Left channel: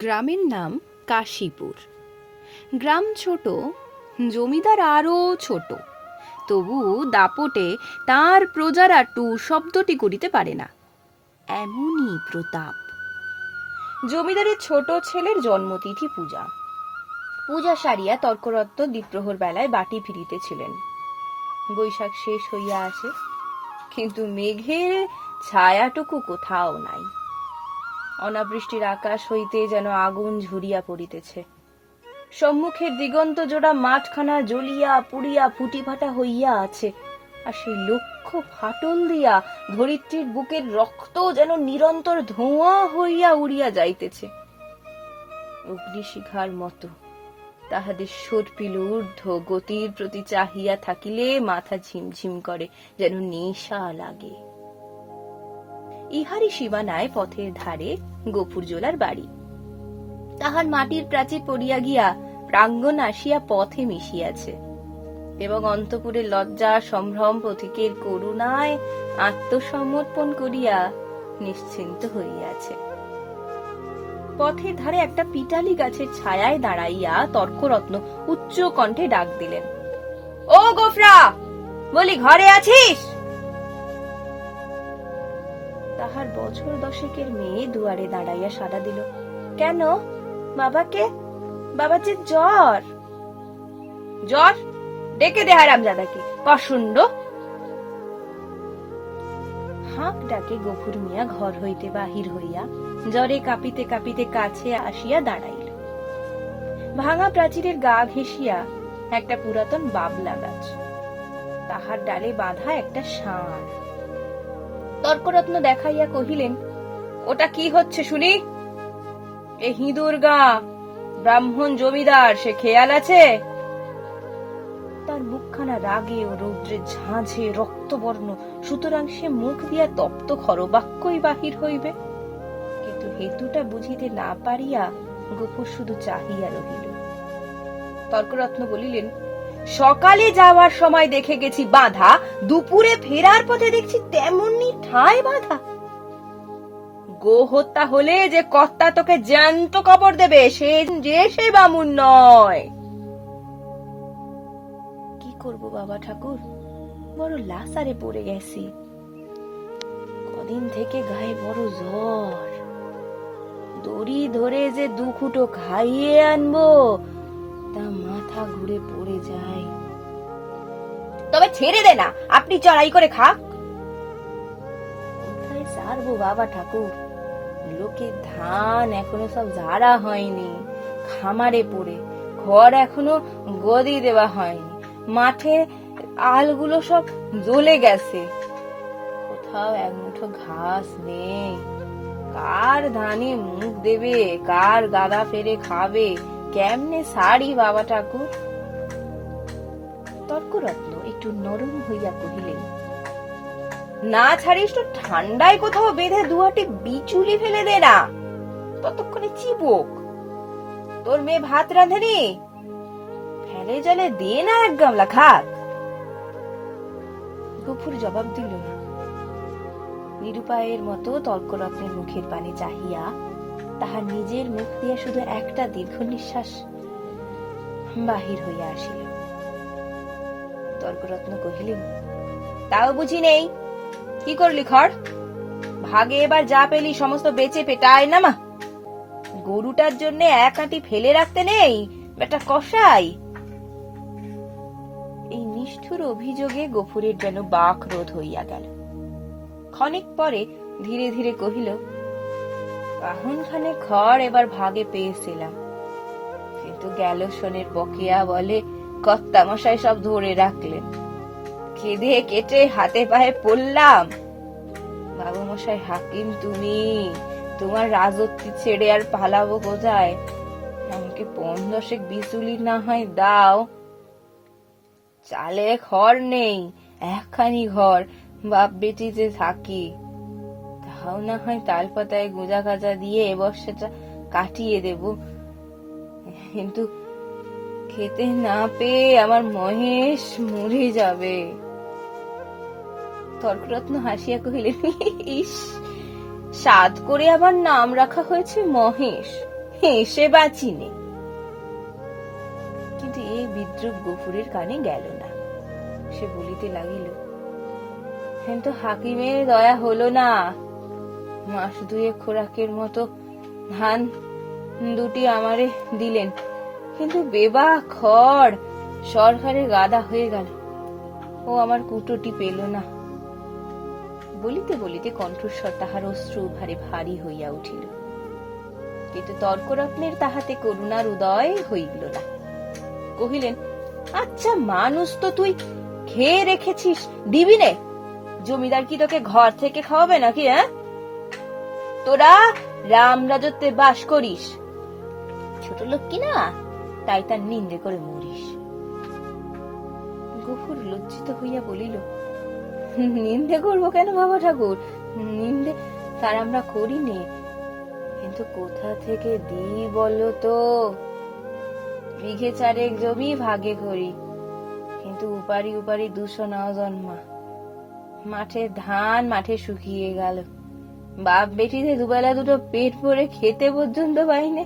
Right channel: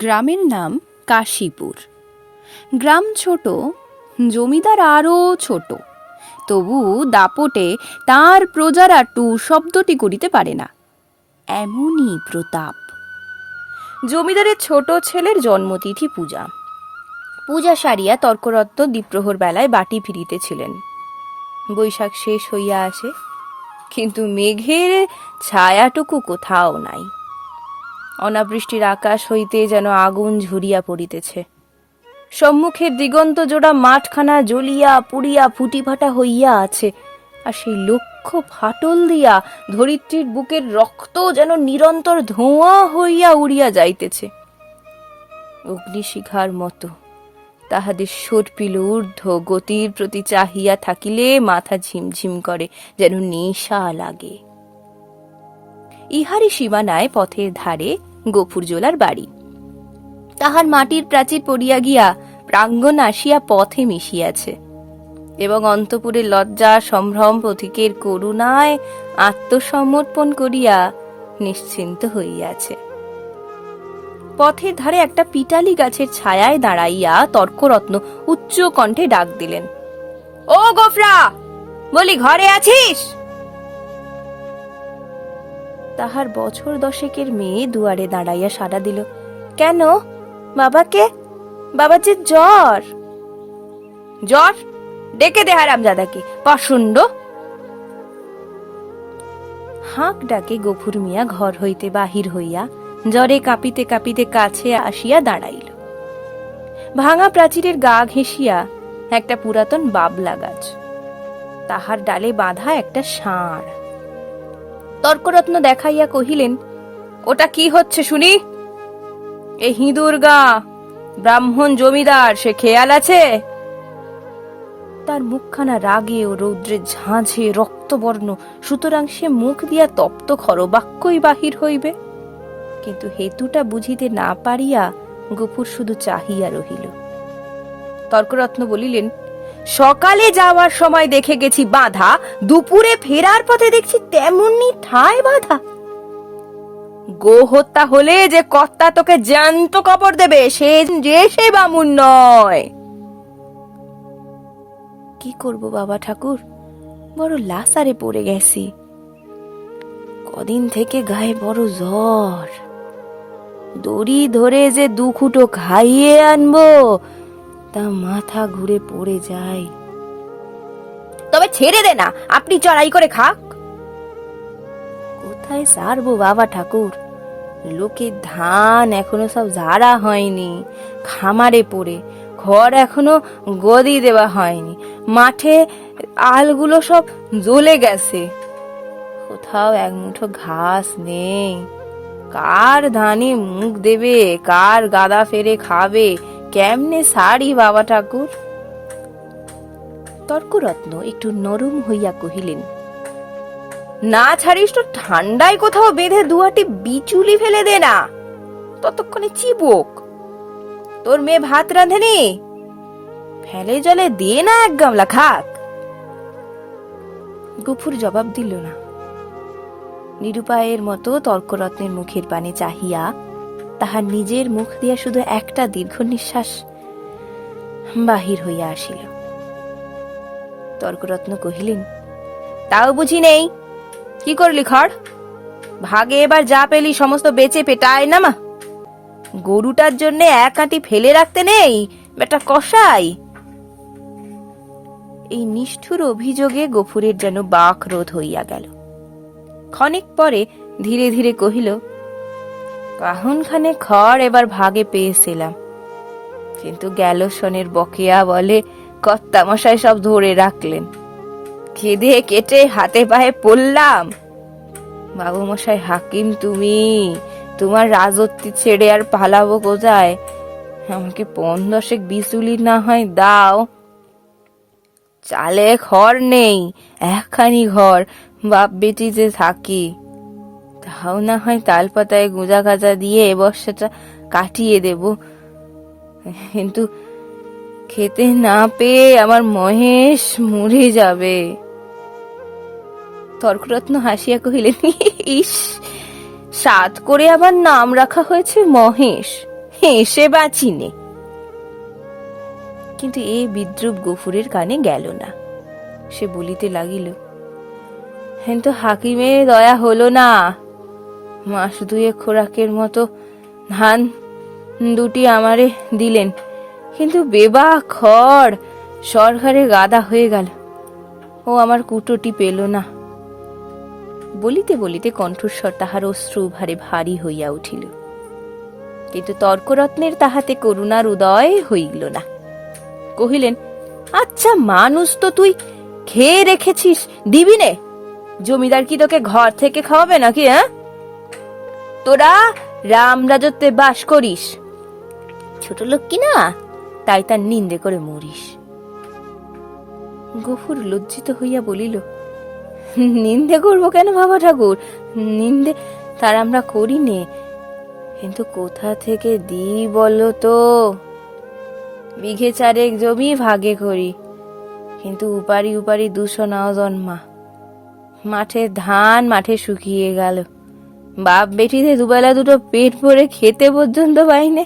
গ্রামের নাম কাশীপুর। গ্রাম ছোট, জমিদার আরও ছোট, তবু দাপটে তার প্রজারা টু শব্দটি করিতে পারে না, এমনই প্রতাপ। জমিদারের ছোট ছেলের জন্মতিথি পূজা। পূজা সারিয়া তর্করত্ন দ্বিপ্রহর বেলায় বাটি ফিরিতেছিলেন। বৈশাখ শেষ হইয়া আসে, কিন্তু মেঘের ছায়াটুকু কোথাও নাই। অনাবৃষ্টির আকাশ হইতে যেন আগুন ঝরিয়া পড়িতেছে। সম্মুখের দিগন্ত জোড়া মাঠখানা জ্বলিয়া পুড়িয়া ফুটিফাটা হইয়া আছে, আর সেই লক্ষ ফাটল দিয়া ধরিত্রীর বুকের রক্ত যেন নিরন্তর ধোঁয়া হইয়া উড়িয়া যাইতেছে। অগ্নিশিখার মতো তাহাদের সর্পিল ঊর্ধ্ব গতির প্রতি চাহিয়া থাকিলে মাথা ঝিমঝিম করে, যেন নেশা লাগে। ইহারি সীমানায় পথের ধারে গফুরজোলার বাড়ি। তাহার মাটির প্রাচীর পড়িয়া গিয়া প্রাঙ্গণ আসিয়া পথে মিশিয়াছে, এবং অন্তপুরে লজ্জা সম্ভ্রম প্রতীকের করুণায় আত্মসমর্পণ করিয়া নিশ্চিন্ত হইয়াছে। পথের ধারে একটা পিটালি গাছের ছায়ায় দাঁড়াইয়া তর্করত্ন উচ্চ কণ্ঠে ডাক দিলেন, ও গোফরা, বলি ঘরে আছিস? তাহার বছর দশেকের মেয়ে দুয়ারে দাঁড়াইয়া সাড়া দিল, কেন বাবাকে? বাবা যে জ্বর। জ্বর? ডেকে দে হারামজাদাকে, পাষণ্ড। হাঁক ডাকে গফুর মিয়া ঘর হইতে বাহির হইয়া জ্বরে কাঁপিতে কাঁপিতে কাছে আসিয়া দাঁড়াইল। ভাঙা প্রাচীরের গা ঘেঁষিয়া একটা পুরাতন বাবলা গাছ, তাহার ডালে বাঁধা একটা ষাঁড়। তর্করত্ন দেখাইয়া কহিলেন, ওটা কি হচ্ছে শুনি? এ হিঁদুর গা, ব্রাহ্মণ জমিদার, সে খেয়াল আছে? তার মুখখানা রাগে ও রৌদ্রে ঝাঁঝে রক্তবর্ণ, সুতরাং সে মুখ দিয়া তপ্ত খরবাক্যই বাহির হইবে। কিন্তু হেতুটা বুঝিতে না পারিয়া গফুর শুধু চাহিয়া রহিল। তর্করত্ন বলিলেন, সকালে যাওয়ার সময় দেখে গেছি বাঁধা, দুপুরে ফেরার পথে দেখছি তেমনি ঠায় বাঁধা। গো হত্যা হলে যে কর্তা তোকে জ্যান্ত কবর দেবে, সে বামুন নয়। কি করব বাবা ঠাকুর, বড় লাসারে পড়ে গেছি। কদিন থেকে গায়ে বড় জ্বর, দড়ি ধরে যে দুখুটো খাইয়ে আনবো তা মাথা ঘুরে পড়ে যায়। তবে ছেড়ে দে না, আপনি চড়াই করে খাক। কোথায় সারবো বাবা ঠাকুর, লোকের ধান এখনো সব ঝাড়া হয়নি, খামারে পড়ে, ঘর এখনো গদি দেওয়া হয়নি, মাঠে আলগুলো সব জ্বলে গেছে, কোথাও এক মুঠো ঘাস নেই। কার ধানে মুখ দেবে, কার গাদা ফেরে খাবে, কেমনে সারি বাবা ঠাকুর? তর্করত্ন একটু নরম হইয়া কহিলেন, না ছাড়িস তো ঠান্ডায় কোথাও বেঁধে দুয়াটি বিচুলি ফেলে দে না, ততক্ষণে চিবুক। তোর মেয়ে ভাত রাঁধেনি, ফেলে জলে দে না এক গামলা খাক। গফুর জবাব দিল না। নিরুপায়ের মতো তর্করত্নের মুখের পানে চাহিয়া তাহার নিজের মুখ দিয়া শুধু একটা দীর্ঘ নিঃশ্বাস বাহির হইয়া আসিল। তর্করত্ন কহিলেন, তাও বুঝি নেই, কি করলি খড়? ভাগে এবার যা পেলি সমস্ত বেচে পেটায় নামা। গরুটার জন্য এক আঁটি ফেলে রাখতে নেই, বেটা কসাই। এই নিষ্ঠুর অভিযোগে গফুরের যেন বাক রোধ হইয়া গেল। ক্ষণিক পরে ধীরে ধীরে কহিল, কাহনখানে খড় এবার ভাগে পেয়েছিলাম, কিন্তু গেল শনের বকেয়া বলে কর্তামশাই সব ধরে রাখলেন। খেদে কেটে হাতে পায়ে পড়লাম। বাবু মশাই হাকিম তুমি, তোমার রাজত্ব ছেড়ে আর পালাবো কোথায়? আমাকে ৫-১০ বিচুলি না হয় দাও। চালে খড় নেই, একখানি ঘর, বাপ বেটিতে থাকি, তাও না হয় তালপাতায় গুঁজা গাজা দিয়ে এ বর্ষাটা কাটিয়ে দেব, কিন্তু খেতে না পেয়ে আমার মহেশ মরে যাবে। তর্করত্ন হাসিয়া কহিলেন, ইস, সাধ করে আবার নাম রাখা হয়েছে মহেশ, হেসে বাঁচি নে। কিন্তু এই বিদ্রুপ গফুরের কানে গেল না। সে বলিতে লাগিল, কিন্তু হাকিমের দয়া হলো না। মাস দুয়ে খোরাকের মতো ধান দুটি আমারে দিলেন, কিন্তু বেবা খড় সরকারে গাদা হয়ে গেল, ও আমার কুটোটি পেল না। বলিতে বলিতে কণ্ঠস্বর তাহার অশ্রু ভারে ভারী হইয়া উঠিল, কিন্তু তর্করত্নের তাহাতে করুণার উদয় হইল না। কহিলেন, আচ্ছা মানুষ তো তুই, খেয়ে রেখেছিস, দিবি নে? জমিদার কি তোকে ঘর থেকে খাওয়াবে নাকি? হ্যাঁ, তোরা রাম রাজত্বে বাস করিস, ছোট লোক কি না, তাই তার নিন্দে করে মরিস। গফুর লজ্জিত হইয়া বলিল, নিন্দে করবো কেন বাবা ঠাকুর? নিন্দে তার আমরা করি নে, কিন্তু কোথা থেকে দিই বলো তো? বিঘে চারেক জমি ভাগে করি, কিন্তু উপারি উপারি 200 নাও জন্মা। মাঠের ধান মাঠে শুকিয়ে গেল, বাপ বেটিতে দুবেলা দুটো পেট ভরে খেতে পর্যন্ত পাইনে।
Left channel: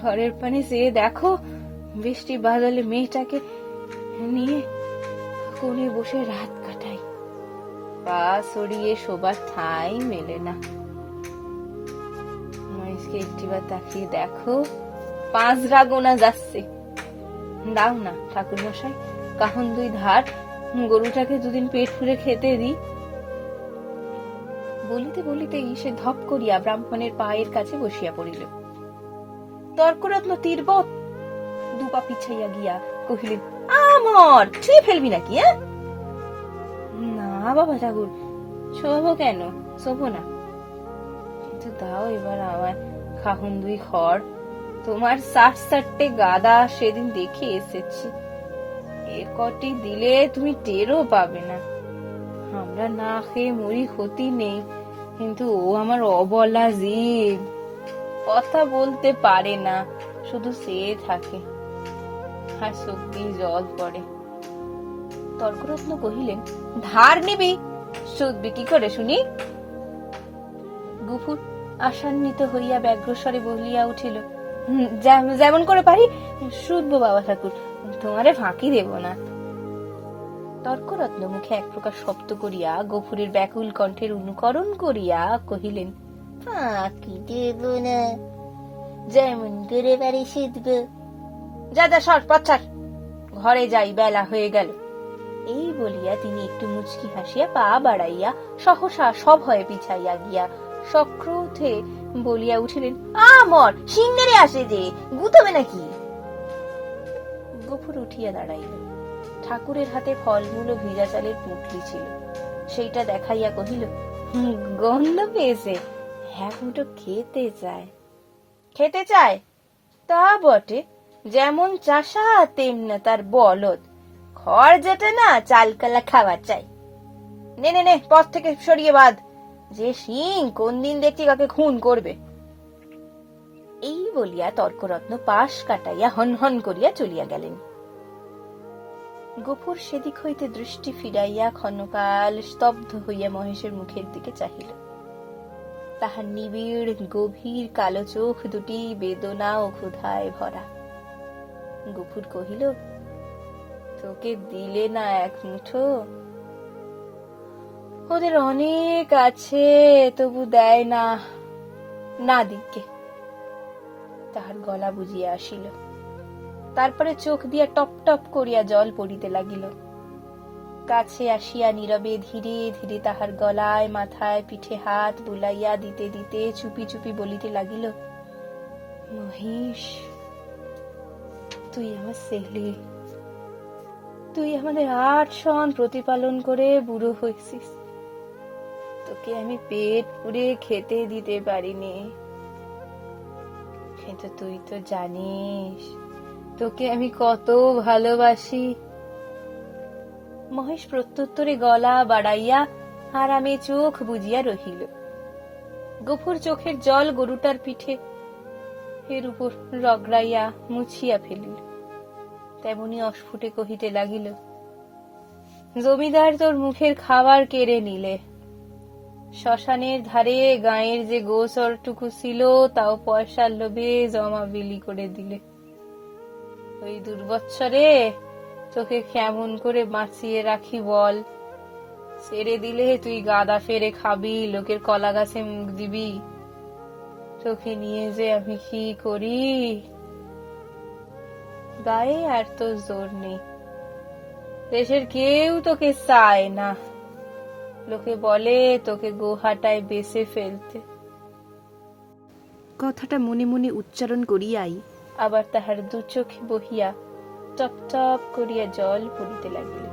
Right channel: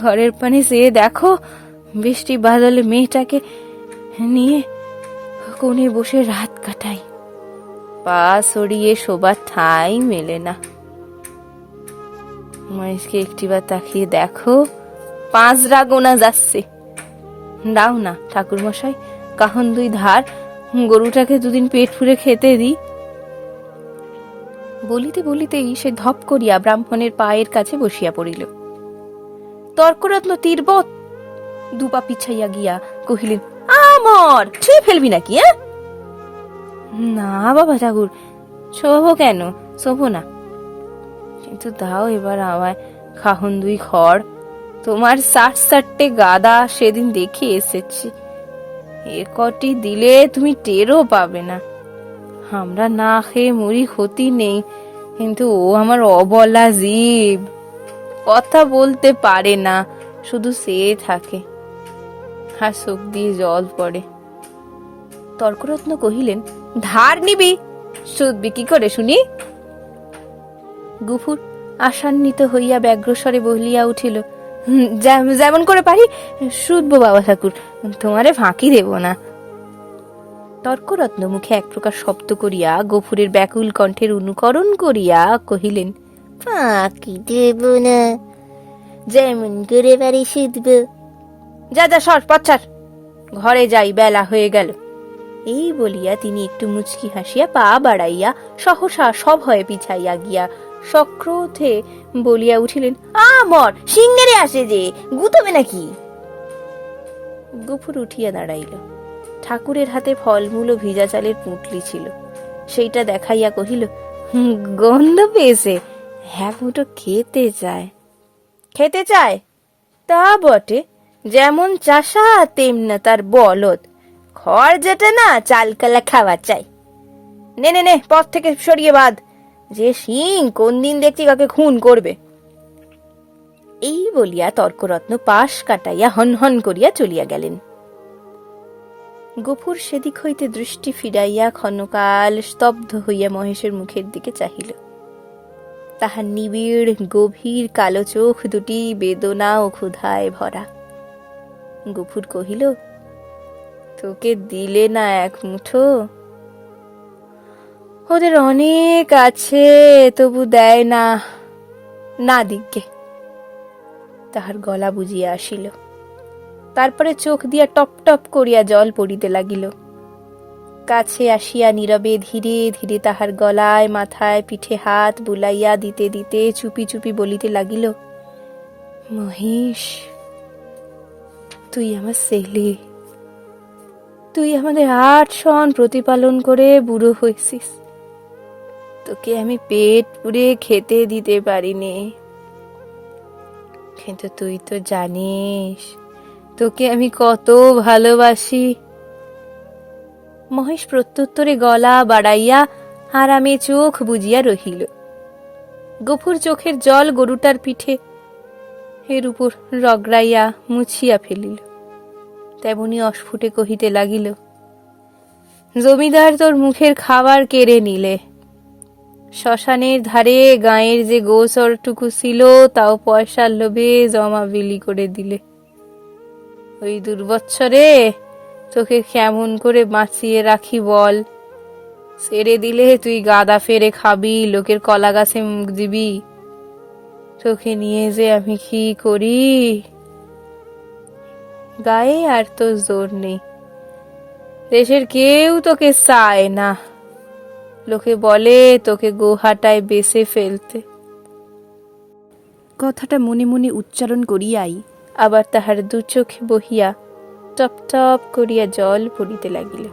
ঘরের পানি চেয়ে দেখো, বৃষ্টি বাদলে মেয়েটাকে নিয়ে কোণে বসে রাত কাটাই, পা সরিয়ে শোবার ঠাঁই মেলে না। মহেশকে একটিবার তাকিয়ে দেখো, 5 গোনা যাচ্ছে। দাও না ঠাকুর মশাই, কাহন 2 ধার, গরুটাকে 2 দিন পেট ফুরে খেতে দি। বলিতে বলিতেই সে ধপ করিয়া ব্রাহ্মণের পায়ের কাছে বসিয়া পড়িল। তর্করত্ন তীর্বত 2 পা পিছাইয়া গিয়া কহিলেন, আমর ছুঁয়ে ফেলবি নাকি? না বাবা ঠাকুর, শোভো কেন? শোভো না, কিন্তু দাও এবার আমায় কাহন 2 খড়। তোমার 60-60টে গাদা সেদিন দেখে এসেছি, এ কটি দিলে তুমি টেরও পাবে না। আমরা না খেয়ে মরি, ক্ষতি নেই, কিন্তু ও আমার অবলা জীব, কথা বলতে পারে না, শুধু চেয়ে থাকে, আর চোখ দিয়ে জল পড়ে। তর্করত্ন কহিলেন, ধার নিবি, শুধবি কি করে শুনি? গফুর আশান্বিত হইয়া ব্যগ্রস্বরে বলিয়া উঠিল, যেমন করে পারি শুধবো বাবা ঠাকুর, তোমারে ফাঁকি দেব না। তর্করত্ন মুখে এক প্রকার শব্দ করিয়া গফুরের ব্যাকুল কণ্ঠের অনুকরণ করিয়া কহিলেন, ফাঁকি দেব না, যেমন করে পারি শুধব। যা যা সর পচ্ছার, ঘরে যাই, বেলা হয়ে গেল। এই বলিয়া তিনি একটু মুচকি হাসিয়া পা বাড়াইয়া সহসা সভয়ে পিছাইয়া গিয়া সক্রোধে বলিয়া উঠিলেন, আমর সিংহেরে আসে যে, গুতবে নাকি? গফুর উঠিয়া দাঁড়াইল। ঠাকুরের হাতে ফলমূল ও ভিজা চালের পুঁটলি ছিল, সেইটা দেখাইয়া কহিল, গন্ধ পেয়েছে, এক মুঠো খেতে চায়। খেতে চায় তা বটে, যেমন চাষা তেমনা তার বলদ, খড় যেটা না চালকালা খাওয়া চাই। নে নে নে, পথ থেকে সরিয়ে বাঁধ, যে সিং কোন দিন দেখছি কাকে খুন করবে। এই বলিয়া তর্করত্ন পাশ কাটাইয়া হন হন করিয়া চলিয়া গেলেন। গফুর সেদিক হইতে দৃষ্টি ফিরাইয়া ক্ষণকাল স্তব্ধ হইয়া মহেশের মুখের দিকে চাহিল। তাহার নিবিড় গভীর কালো চোখ দুটি বেদনা ও ক্ষুধায় ভরা। গফুর কহিল, তোকে দিলে না এক মুঠো? ওদের অনেক আছে, তবু দেয় না, না দিকে। তাহার গলা বুঝিয়া আসিল, তারপরে চোখ দিয়া টপ টপ করিয়া জল পড়িতে লাগিল। কাছে আসিয়া নীরবে ধীরে ধীরে তাহার গলায় মাথায় পিঠে হাত বুলাইয়া দিতে দিতে চুপি চুপি বলিতে লাগিল, মহেশ, তুই আমার ছেলে, তুই আমাদের 8 সন প্রতিপালন করে বুড়ো হয়েছিস, তোকে আমি পেট পুরে খেতে দিতে পারিনি, কিন্তু তুই তো জানিস তোকে আমি কত ভালোবাসি। মহেশ প্রত্যুত্তরে গলা বাড়াইয়া আরামে চোখ বুজিয়া রহিল। গফুর চোখের জল গরুটার পিঠে এর উপর রগড়াইয়া মুছিয়া ফেলিল। তেমনি অস্ফুটে কহিতে লাগিল, জমিদার তোর মুখের খাবার কেড়ে নিলে, শ্মশানের ধারে গাঁয়ের যে গোচরটুকু ছিল তাও পয়সার লোভে জমা বিলি করে দিলে। ওই দুর্বৎসরে তোকে কেমন করে বাঁচিয়ে রাখি বল? ছেড়ে দিলে তুই গাদা ফেরে খাবি, লোকের কলা গাছে মুখ দিবি। তোকে নিয়ে যে আমি কি করি? গায়ে আর তো জোর নেই, দেশের কেউ তোকে চায় না, লোকে বলে তোকে গোহাটায় বেচে ফেলতে। কথাটা মনে মনে উচ্চারণ করিয়াই আবার তাহার দু চোখে বহিয়া টপ টপ করিয়া জল পড়িতে লাগিল।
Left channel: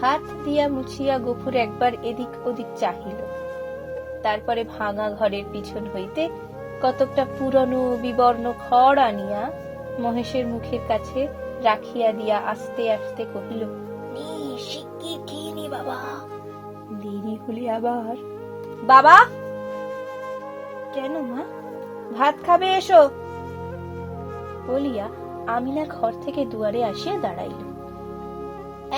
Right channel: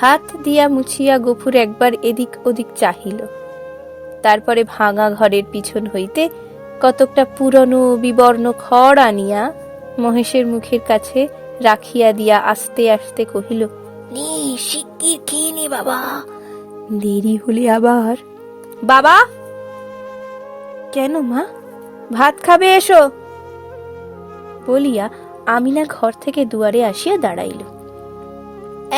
হাত দিয়া মুছিয়া গফুর একবার এদিক ওদিক চাহিল, তারপরে ভাঙা ঘরের পিছন হইতে কতকটা পুরনো বিবর্ণ খড় আনিয়া মহেশের মুখের কাছে রাখিয়া দিয়া আস্তে আস্তে কহিল, নে শিগগির খেয়ে নে বাবা, দেরি হলে আবার। বাবা! কেন মা, ভাত খাবে এসো বলিয়া আমিনা ঘর থেকে দুয়ারে আসিয়া দাঁড়াইল।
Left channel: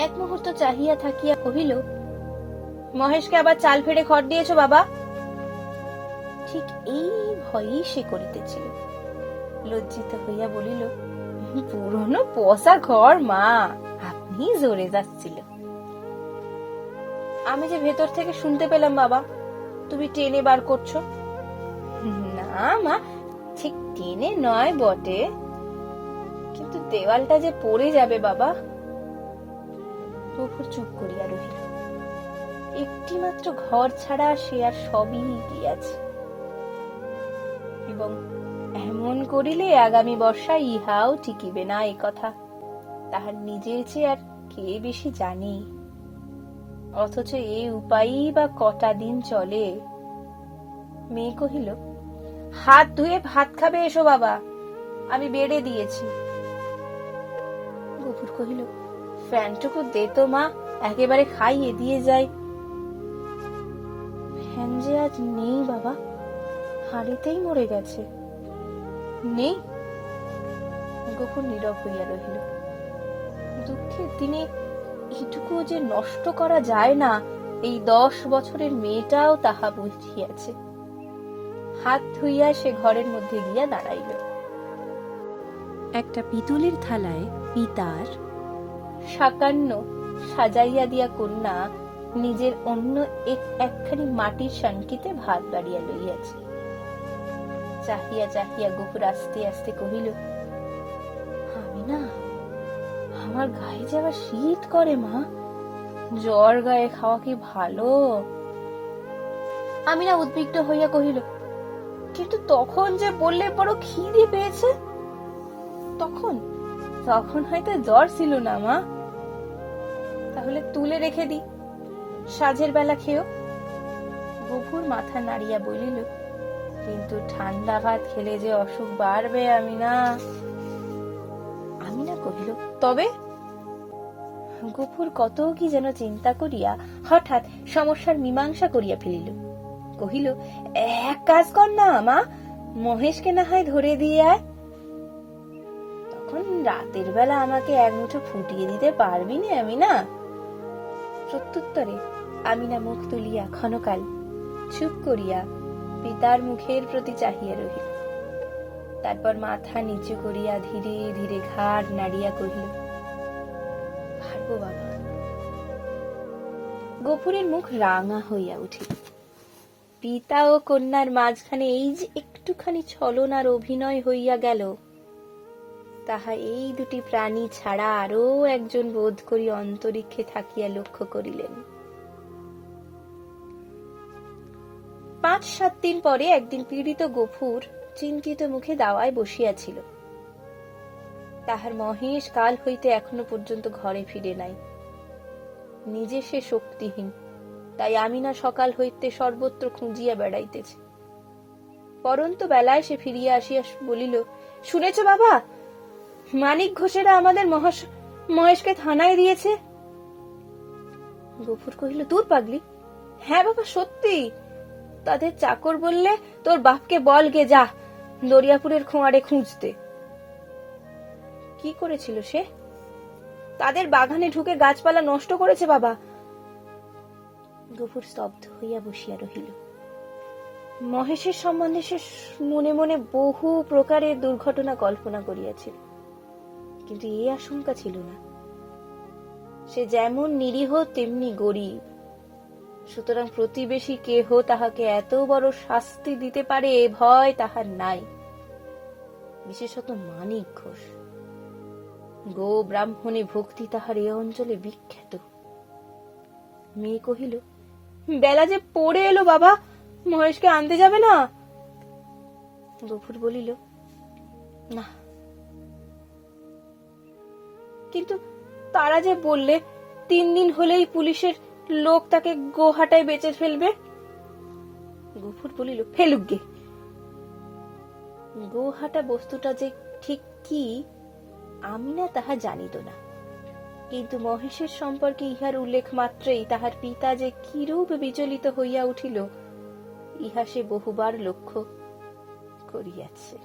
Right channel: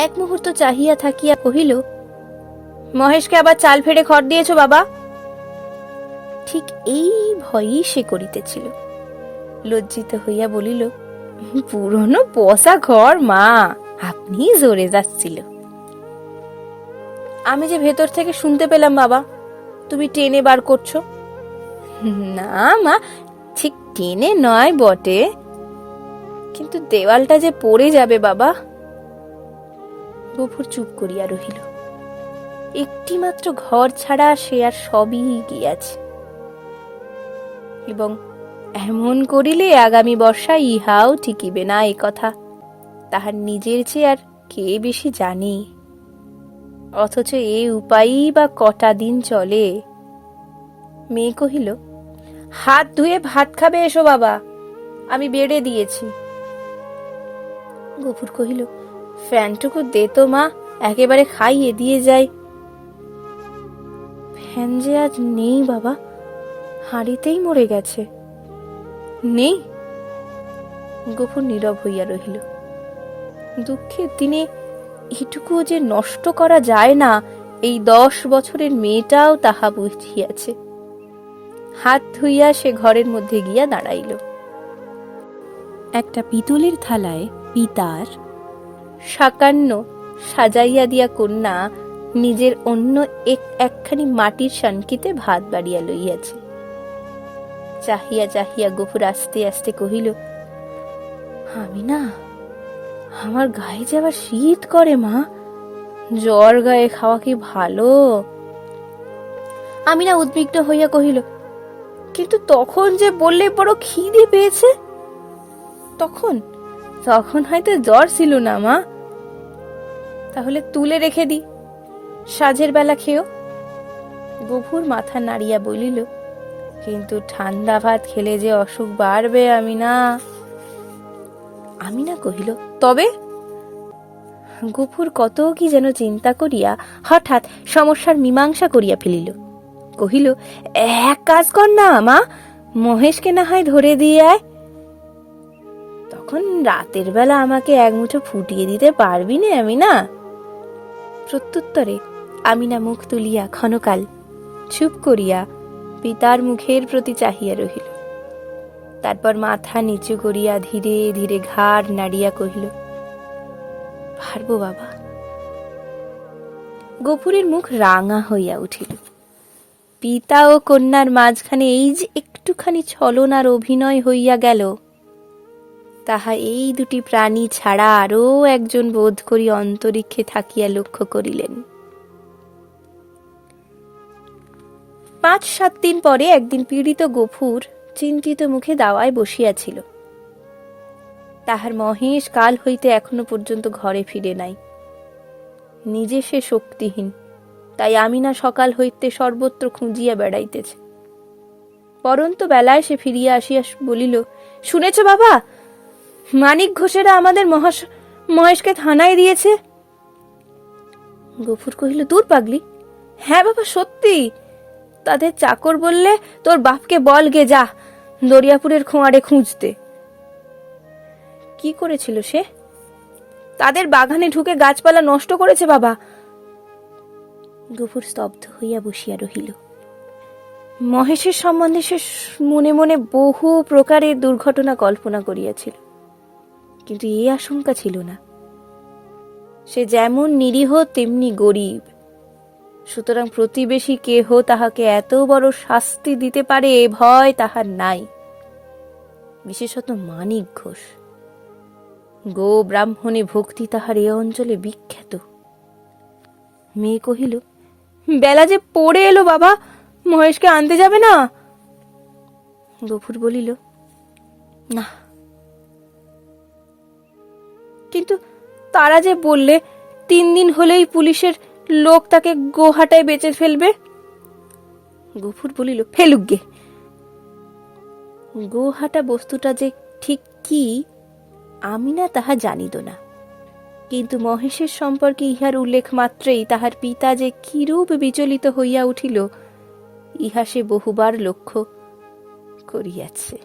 এক মুহূর্ত চাহিয়া থাকিয়া কহিল, মহেশকে আবার চাল ফেড়ে খড় দিয়েছ বাবা? ঠিক এই ভয়ই সে করিতেছিল। লজ্জিত হইয়া বলিল, পুরনো পচা ঘর মা, আপনি জোরে যাচ্ছিল। আমি যে ভেতর থেকে শুনতে পেলাম বাবা, তুমি টেনে বার করছো। না মা, ঠিক টেনে নয় বটে, কিন্তু দেওয়ালটা যে পড়ে যাবে বাবা। গফুর চুপ করিয়া রহিল। একটি মাত্র ঘর ছাড়া সে আর সবই গিয়াছে, এবং এমন করিলে আগামী বর্ষায় ইহাও টিকিবে না, এ কথা তাহার নিজের চেয়ে আর কে বেশি জানে। অথচ এ উপায়ই বা কটা দিন চলে। মেয়ে কহিল, হাত ধুয়ে ভাত খাবে এসো বাবা, আমি বেড়ে দিয়েছি। গফুর কহিল, ফ্যানটুকু দে তো মা, একেবারে খাইয়ে দিয়ে যাই। ফ্যান যে আজ নেই বাবা, হাঁড়িতেই মরে গেছে। নেই? গফুর নীরব হইয়া রহিল। দুঃখের দিনে এটুকু যে নষ্ট করা যায় না, এই 10 বছরের মেয়েটাও তাহা বুঝিয়াছে। হাত ধুইয়া সে ঘরের মধ্যে গিয়া দাঁড়াইল। একটা পিতলের থালায় পিতার সাকান্ন সাজাইয়া দিয়া কন্যা নিজের অন্য একখানি মাটির সানকিতে ভাত বাড়িয়া লইয়াছে। চাহিয়া চাহিয়া গফুর আস্তে আস্তে কহিল, আমি না, আমার গায়ে যে আবার শীত করে মা, জ্বর গায়ে খাওয়া কি ভালো? আমি না উদ্বিগ্ন হইয়া কহিল, কিন্তু তখন যে বললে বড় খিদে পেয়েছে। তখন তখন হয়তো জ্বর ছিল না মা। তাহলে তুলে রেখে দি, সাঁঝের বেলা খেও। গফুর মাথা নাড়িয়া বলিল, কিন্তু ঠান্ডা ভাত খেলে যে অসুখ বাড়বে। আমি না কহিল, তবে? গফুর কত কি যেন চিন্তা করিয়া হঠাৎ সমস্যার মীমাংসা করিয়া ফেলিল। কহিল, এক কাজ কর না মা, মহেশকে না হয় ধরে দিয়ে আয়। তখন রাতের বেলা আমাকে এক মুঠো ফুটিয়ে দিতে পারবি না? আমি না। প্রত্যুত্তরে আমিনা মুখ তুলিয়া ক্ষণকাল চুপ করিয়া পিতার মুখের প্রতি চাহিয়া রহিল। তারপর মাথা নিচু করিয়া ধীরে ধীরে ঘাড় নাড়িয়া কহিল, পারবো বাবা। গফুরের মুখ রাঙা হইয়া উঠিল। পিতা ও কন্যার মাঝখানে এই যে একটুখানি ছলনার অভিনয় হইয়া গেল, তাহা এই দুটি প্রাণী ছাড়া আরও একজন বোধ করি অন্তরিক্ষে থাকিয়া লক্ষ্য করিলেন। 5-7 দিন পরে একদিন পীড়িত গফুর চিন্তিত মুখে দাওয়ায় বসিয়াছিল। তাহার মহেশ কাল হইতে এখনো পর্যন্ত ঘরে ফিরে নাই। নিজে সে শক্তিহীন, তাই আমিনা সকাল হইতে সর্বত্র খুঁজিয়া বেড়াইতেছে। পরন্ত বেলায় সে ফিরিয়া আসিয়া বলিল, শুনেছ বাবা, মানিক ঘোষেরা আমাদের মহেশকে থানায় দিয়েছে। গফুর কহিল, দূর পাগলি। হ্যাঁ বাবা, সত্যি। তাদের চাকর বললে, তোর বাপকে বল গে যা দরিয়াপুরের খোঁয়াড়ে খুঁজতে। কি করেছিল সে? তাদের বাগানে ঢুকে গাছপালা নষ্ট করেছে বাবা। গফুর স্তব্ধ হইয়া বসিয়া রহিল। মহেশের সম্বন্ধে সে মনে মনে বহু প্রকারের দুর্ঘটনা কল্পনা করিয়াছিল, কিন্তু এই আশঙ্কা ছিল না। সে যেমন নিরীহ তেমনি গরিব, সুতরাং প্রতিবেশী কেহ তাহাকে এত বড় শাস্তি দিতে পারে এ ভয় তাহার নাই। বিশেষত মানিক ঘোষ, গো ব্রাহ্মণে ভক্তি তাহার এ অঞ্চলে বিখ্যাত। মেয়ে কহিল, বেলা যে পড়ে এলো বাবা, মহেশকে আনতে যাবে না? গফুর বলিল, না। কিন্তু তারা যে বললে 3 দিন হলেই পুলিশের লোক তাকে গোহাটায় বেচে ফেলবে। গফুর বলিল, ফেলুক গে। গোহাটা বস্তুটা যে ঠিক কি আমি না তাহা জানিত না, কিন্তু মহেশের সম্পর্কে ইহার উল্লেখ মাত্রেই তাহার পিতা যে কিরূপ বিচলিত হইয়া উঠিল ইহা সে বহুবার লক্ষ্য করিয়াছে।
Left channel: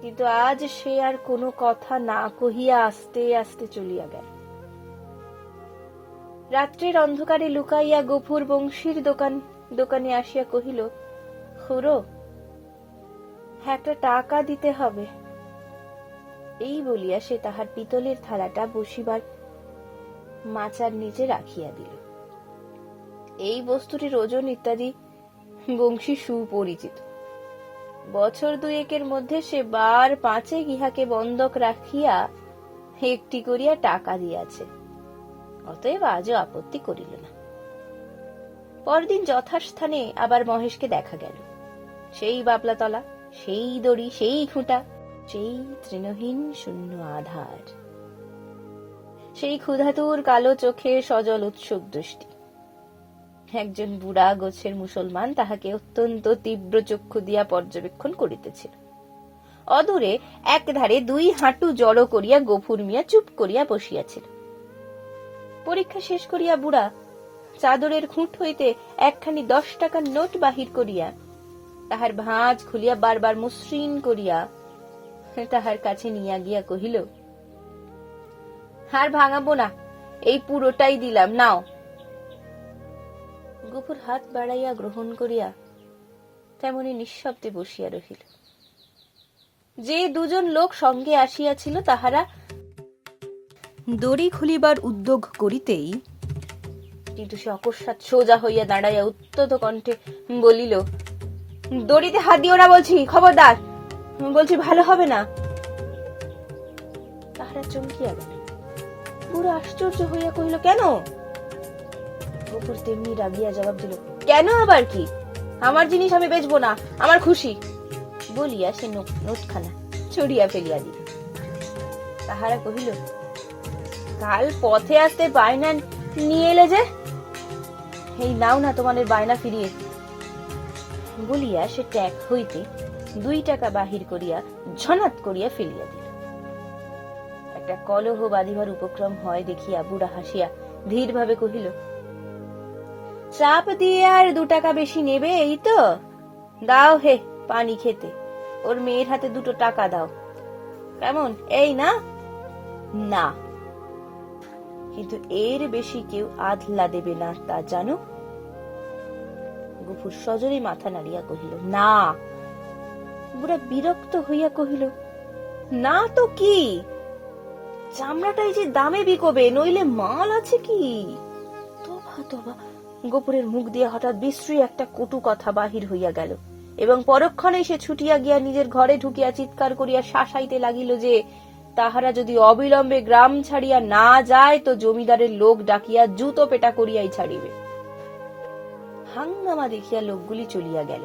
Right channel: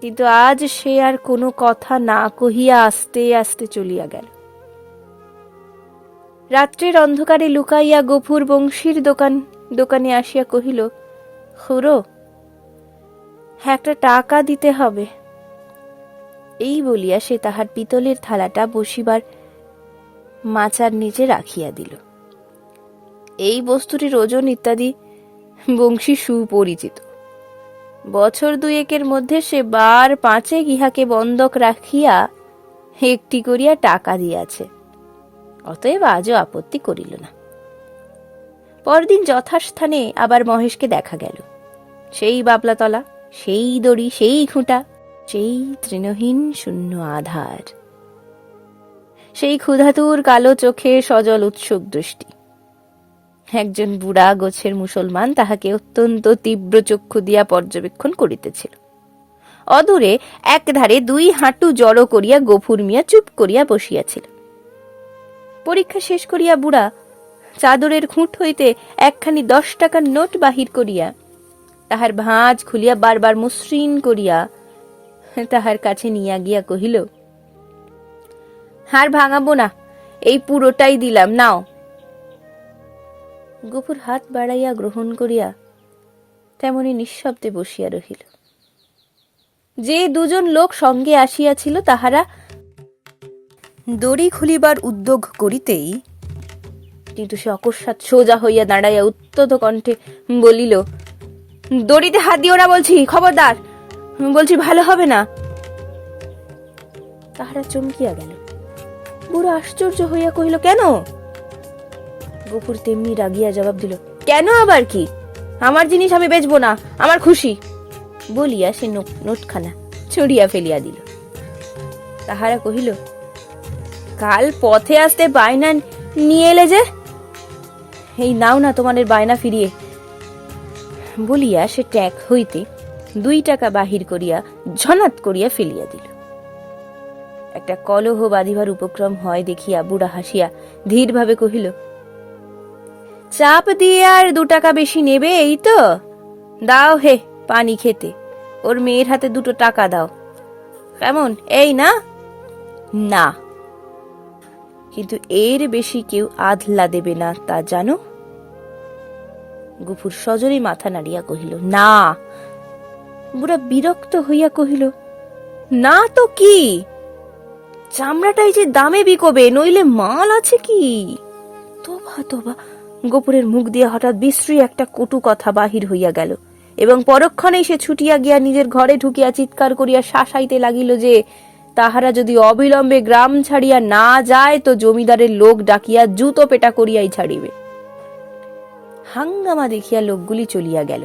কিন্তু আজ সে আর কোনো কথা না কহিয়া আস্তে আস্তে চলিয়া গেল। রাত্রির অন্ধকারে লুকাইয়া গফুর বংশীর দোকানে আসিয়া কহিল, খুড়ো, একটা টাকা দিতে হবে। এই বলিয়া সে তাহার পিতলের থালাটা বসিবার মাচার নিচে রাখিয়া দিল। এই বস্তুটির ওজন ইত্যাদি বংশী সুপরিচিত। বছর 2-1 মধ্যে সে 5 ইহাকে বন্ধক রাখিয়া একটি করিয়া টাকা দিয়াছে, অতএব আজও আপত্তি করিল না। পরদিন যথাস্থানে আবার মহেশকে দেখা গেল। সেই বাবলাতলা, সেই দড়ি, সেই খুঁটা, সেই তৃণহীন শূন্য আধার, সেই ক্ষুধাতুর কালো চোখে সজল উৎসুক দৃষ্টি। একজন বুড়া গোছের মুসলমান তাহাকে অত্যন্ত তীব্র চক্ষু দিয়া পর্যবেক্ষণ করিতেছিল। অদূরে একধারে 2 হাঁটু জড়ো করিয়া গফুর মিয়া চুপ করিয়া বসিয়াছিল। পরীক্ষা শেষ করিয়া বুড়া চাদরের খুঁট হইতে একখানি 10 টাকার নোট বাহির করিয়া তাহার ভাঁজ খুলিয়া বারবার মসৃণ করিয়া তাহার কাছে নিয়া গিয়া কহিল, হার ভাঙাবো না, এই পুরোটাই দিলাম, নাও। গফুর হাত বাড়াইয়া গ্রহণ করিয়া তেমনি নিঃশব্দে বসিয়া রহিল। যে 2 জন লোক সঙ্গে আসিয়াছিল তাহারা দড়ি খুলিবার উদ্যোগ করিতেই কিন্তু সে অকস্মাৎ সোজা হইয়া দাঁড়াইয়া উত্তত কণ্ঠে বলিল, দড়িতে হাত দিও না বলছি, খবরদার বলছি, ভালো হবে না। তাহারা চমকিয়া গেল। বুড়ো আশ্চর্য হইয়া কহিল, কেন? গফুর তেমনি রাগিয়া জবাব দিল, কেন আবার কি? আমার জিনিস আমি বেচবো না, আমার খুশি। বলিয়া সে নোটখানা ছড়িয়া ফেলিয়া দিল। তাহারা কহিল, কাল পথে আসতে বায়না নিয়ে এলে যে, এই নাও না তোমাদের বায়না ফিরিয়ে। বলিয়া সে ট্যাগ হইতে 2 টাকা বাহির করিয়া ঝনাত করিয়া ফেলিয়া দিল। একটা কলহ বাঁধিবার উপক্রম হয় দেখিয়া বুড়া হাসিয়া ধীরভাবে কহিল, চাপ দিয়ে আর 2 টাকা বেশি নেবে এই তো? দাও হে পানি খেতে, ওর মেয়ের হাতে 2 টাকা দাও। কেমন, এই না? না, কিন্তু এর বেশি কেউ আধলা দেবে না, তা জানো? গফুর সজরে মাথা নাড়িয়া কহিল, না। বুড়া বিরক্ত হইয়া কহিল, না তো কি? চামড়াটাই যে দামে বিকবে, নইলে মাল আছে কি? তোবা তোবা। গফুরের মুখ দিয়ে হঠাৎ বিশ্রী একটা কটু কথা বাহির হইয়া গেল এবং পরক্ষণেই সে ছুটিয়া গিয়া নিজের ঘরে ঢুকিয়া চিৎকার করিয়া শাসাইতে লাগিল যে তাহারা যদি অবিলম্বে গ্রাম ছাড়িয়া না যায় তো জমিদারের লোক ডাকিয়া জুতো পেটা করিয়াই ছাড়িবে। হাঙ্গামা দেখিয়া লোকগুলি চলিয়া গেল,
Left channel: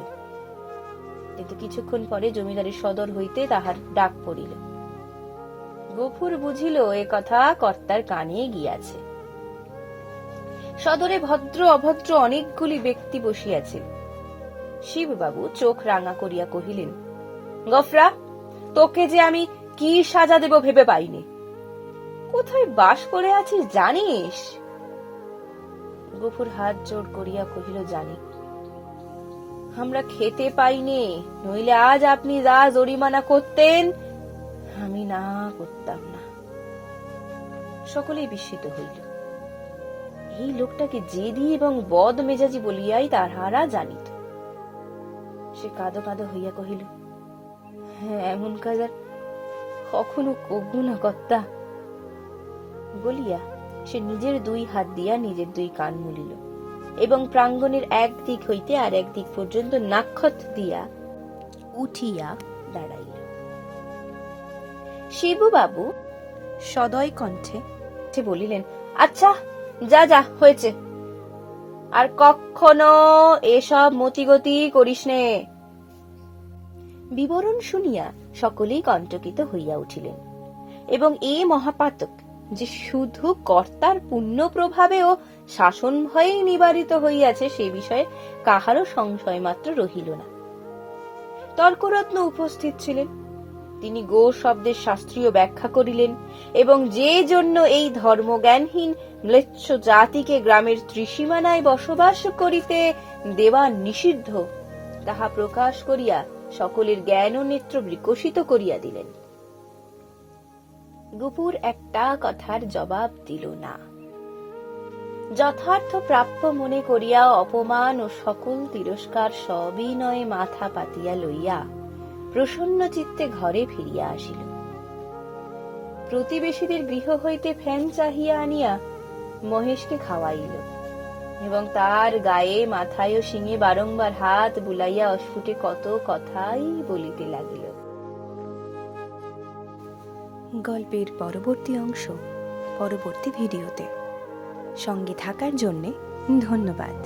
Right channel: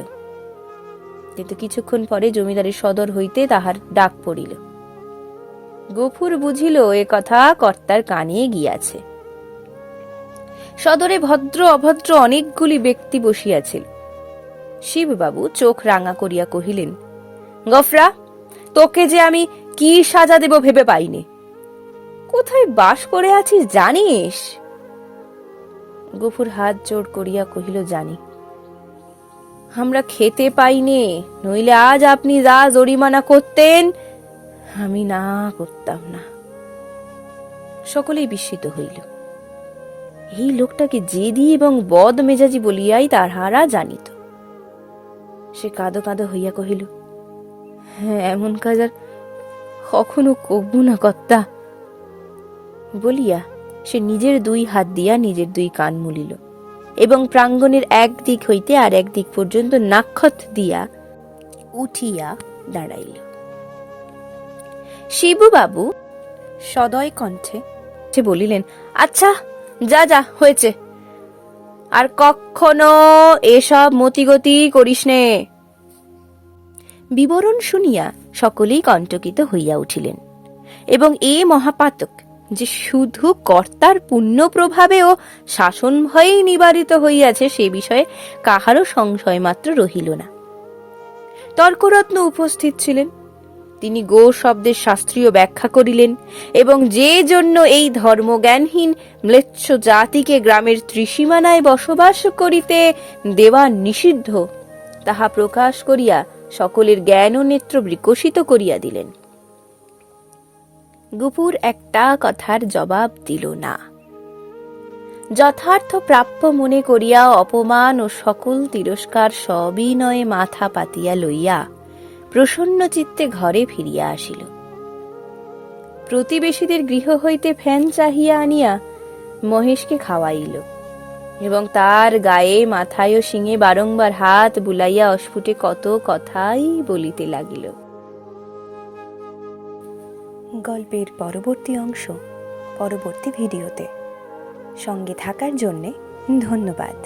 কিন্তু কিছুক্ষণ পরে জমিদারের সদর হইতে তাহার ডাক পড়িল। গফুর বুঝিল এ কথা কর্তার কানে গিয়াছে। সদরে ভদ্র অভদ্র অনেকগুলি ব্যক্তি বসিয়াছিল। শিববাবু চোখ রাঙা করিয়া কহিলেন, গফরা, তোকে যে আমি কি সাজা দেব ভেবে পাইনি। কোথায় বাস করে আছিস জানিস? গফুর হাত জোড় করিয়া কহিল, জানি। আমরা খেতে পাইনে, নইলে আজ আপনি যা জরিমানা করতেন আমি না করতাম না। সকলেই বিস্মিত হইল। এই লোকটাকে জেদি এবং বদ মেজাজি বলিয়াই তাহারা জানিত। সে কাঁদো কাঁদো হইয়া কহিল, হ্যাঁ, এমন কাজ আর কখনো কবু না কর্তা। বলিয়া সে নিজের 2 হাত দিয়া নিজের 2 কান মুলিল এবং প্রাঙ্গণের এক দিক হইতে আর এক দিক পর্যন্ত নাক্ষত দিয়া উঠিয়া দাঁড়াইল। শিবুবাবু সদয় কণ্ঠে সে বলিলেন, আচ্ছা, যা যা হয়েছে, আর কখনো এসব মতিগতি করিস নে। বিবরণ শুনিয়া সকলেই কণ্টকিত হইয়া উঠিলেন এবং এ মহাপাতক যে শুধু কর্তার পুণ্য প্রভাবে ও শাসন ভয়েই নিবারিত হইয়াছে সে বিষয়ে কাহারও সংশয় মাত্র রহিল না। তর্করত্ন উপস্থিত ছিলেন। তিনি গো শব্দের শাস্ত্রীয় ব্যাখ্যা করিলেন এবং যে জন্য এই ধর্মজ্ঞানহীন ম্লেচ্ছ জাতিকে গ্রামের ত্রিসীমানায় বসবাস করিতে দেওয়া নিষিদ্ধ তাহা প্রকাশ করিয়া সকলের জ্ঞান ও নেত্র বিকশিত করিয়া দিলেন। গফুর একটা কথার জবাব দিল না। যথার্থ প্রাপ্য মনে করিয়া অপমান ও সকল তিরস্কার সবিনয়ে মাথা পাতিয়া লইয়া প্রসন্ন চিত্তে ঘরে ফিরিয়া আসিল। প্রতিবেশীদের গৃহ হইতে ফ্যান চাহিয়া আনিয়া মহেশকে খাওয়াইল এবং তার গায়ে, মাথায় ও শিঙে বারংবার হাত বুলাইয়া অস্ফুটে কত কথাই বলিতে লাগিল। গল্পের পরবর্তী অংশ পরবর্তী ভিডিওতে। সঙ্গে থাকার জন্যে ধন্যবাদ।